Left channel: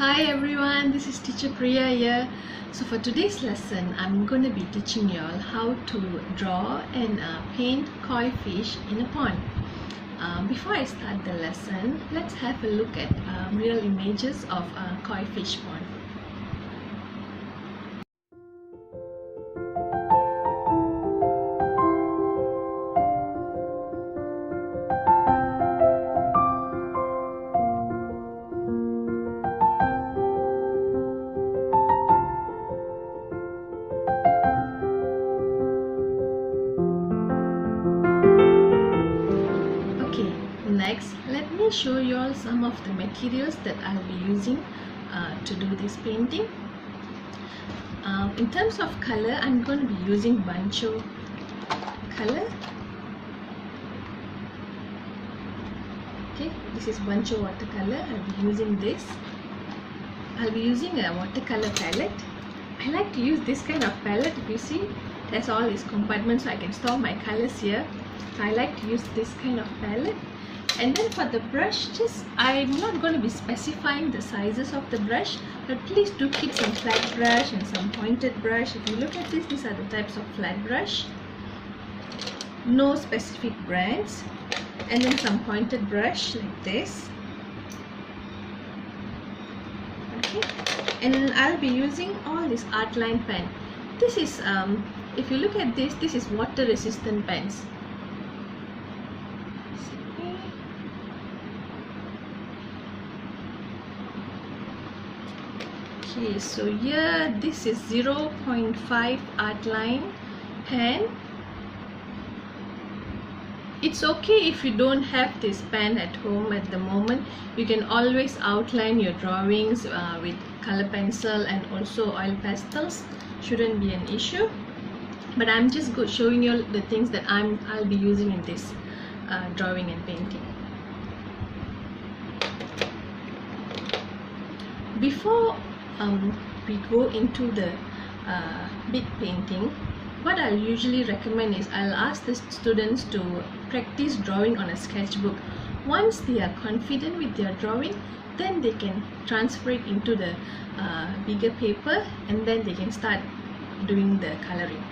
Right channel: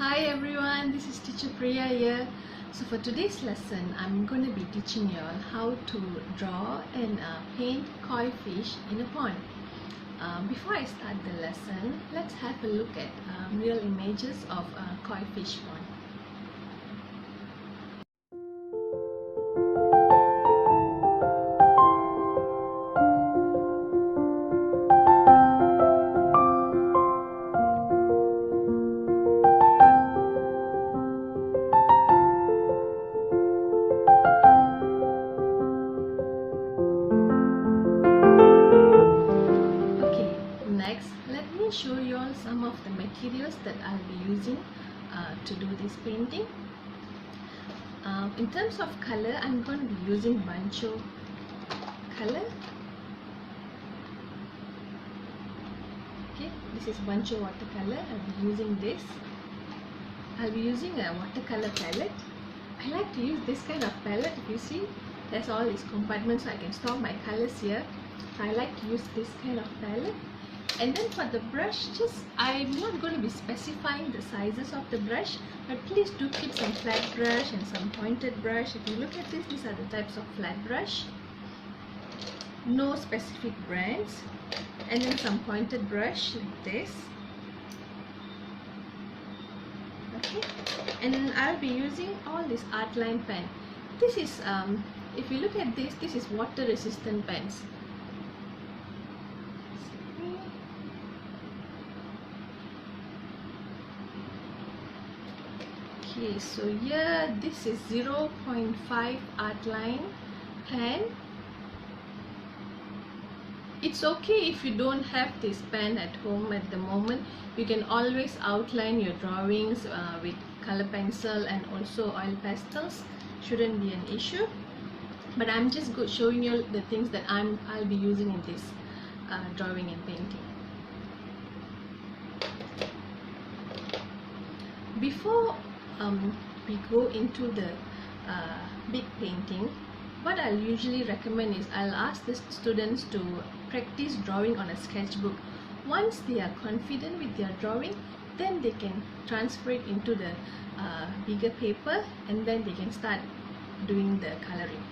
Hi everyone, this is teacher Priya here. So for today's lesson, I'm going to be teaching you all how to draw and paint koi fish in a pond. Before I start the lesson, let's have a look at real images of koi fish pond. Next, let me show you all some of the materials that I'll be using to do this painting. In terms of color, I'm going to be using bancho color. Okay, this is bancho watercolor. I'll be using this. I'll be using a watercolor palette. I like to use this kind of palette. If you see, it has all these compartments so I can store my colors here. So I like to use this kind of palette. And then for the brush, I'm not going to be specifying the sizes of the brush, but please do keep some flat brush and some pointed brush. If you look at this, these are the types of flat brush. No specific brands. And then some pointed brush like this. Okay. And I'll be using all this art line pen. This is, if you look at this, this is water resistant pens. Okay, so here this is 0.5 art line pen. It's okay if you don't have this pen at home at the moment. You can always outline your drawings with color pencil and also oil pastels. Shouldn't be an issue. But I'm just showing you the things that I'll be using in this drawing and painting. Before we go into the big painting, what I'll usually recommend is I'll ask the students to practice drawing on a sketchbook. Once they are confident with their drawing, then they can transfer it into the bigger paper and then they can start doing the coloring.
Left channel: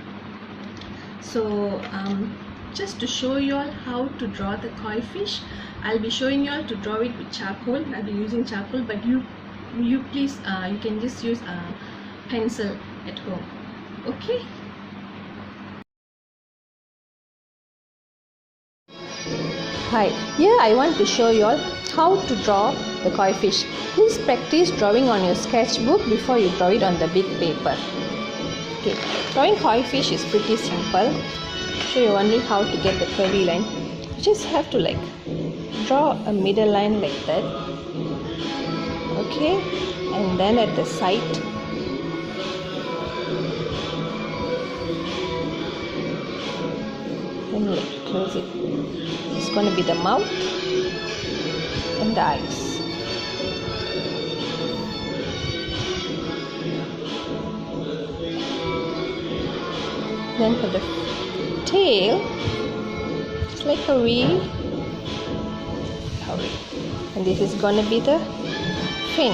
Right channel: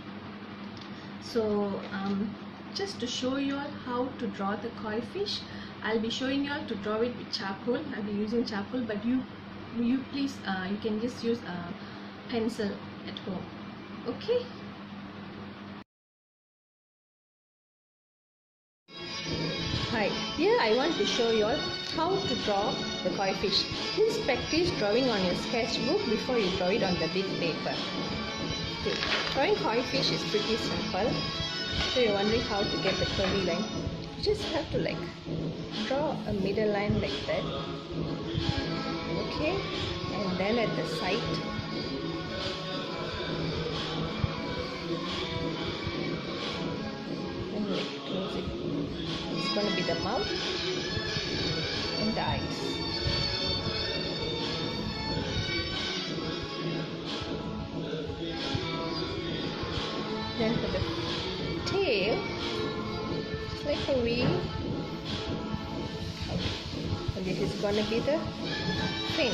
So just to show you all how to draw the koi fish, I'll be showing you all to draw it with charcoal. I'll be using charcoal, but you please you can just use a pencil at home. Okay. Hi, here I want to show you all how to draw the koi fish. Please practice drawing on your sketchbook before you draw it on the big paper. Okay, drawing koi fish is pretty simple. So you're wondering how to get the curvy line. You just have to draw a middle line like that. Okay, and then at the side then close it. It's going to be the mouth and the eyes. Then for the tail, it's like a V, and this is going to be the fin.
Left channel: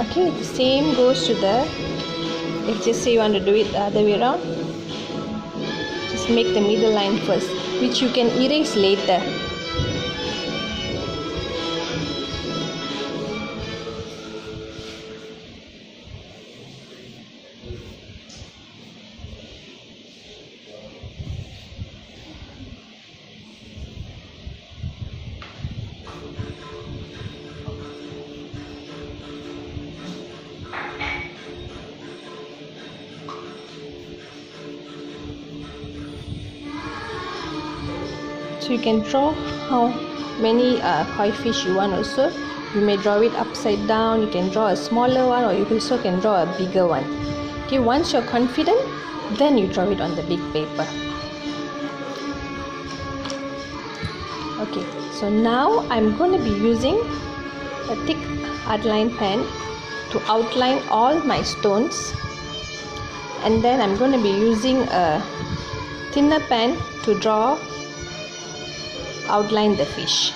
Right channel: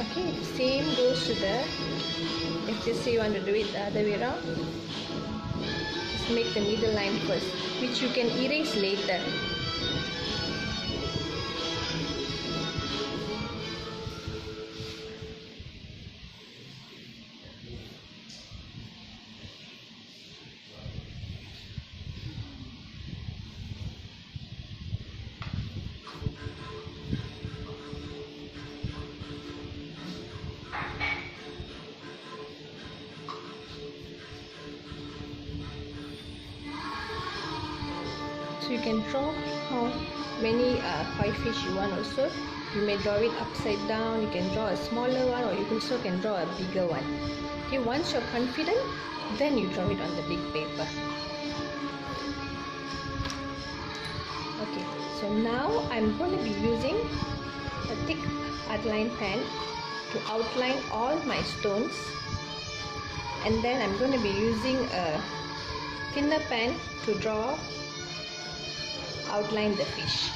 Okay, the same goes to the, if just say you want to do it the other way around, just make the middle line first, which you can erase later. So you can draw how many koi fish you want also. You may draw it upside down, you can draw a smaller one, or you also can draw a bigger one. Okay, once you're confident, then you draw it on the big paper. Okay, so now I'm going to be using a thick outline pen to outline all my stones, and then I'm going to be using a thinner pen to outline the fish.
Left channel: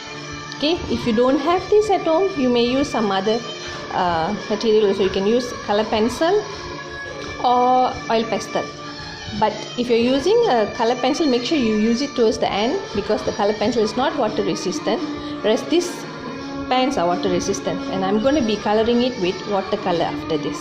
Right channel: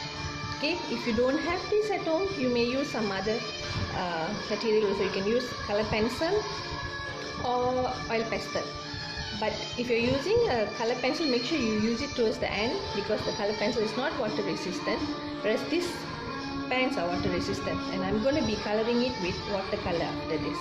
Okay, if you don't have this at home, you may use some other material. So you can use color pencil or oil pastel. But if you're using a color pencil, make sure you use it towards the end, because the color pencil is not water resistant, whereas these pens are water resistant. And I'm going to be coloring it with watercolor after this.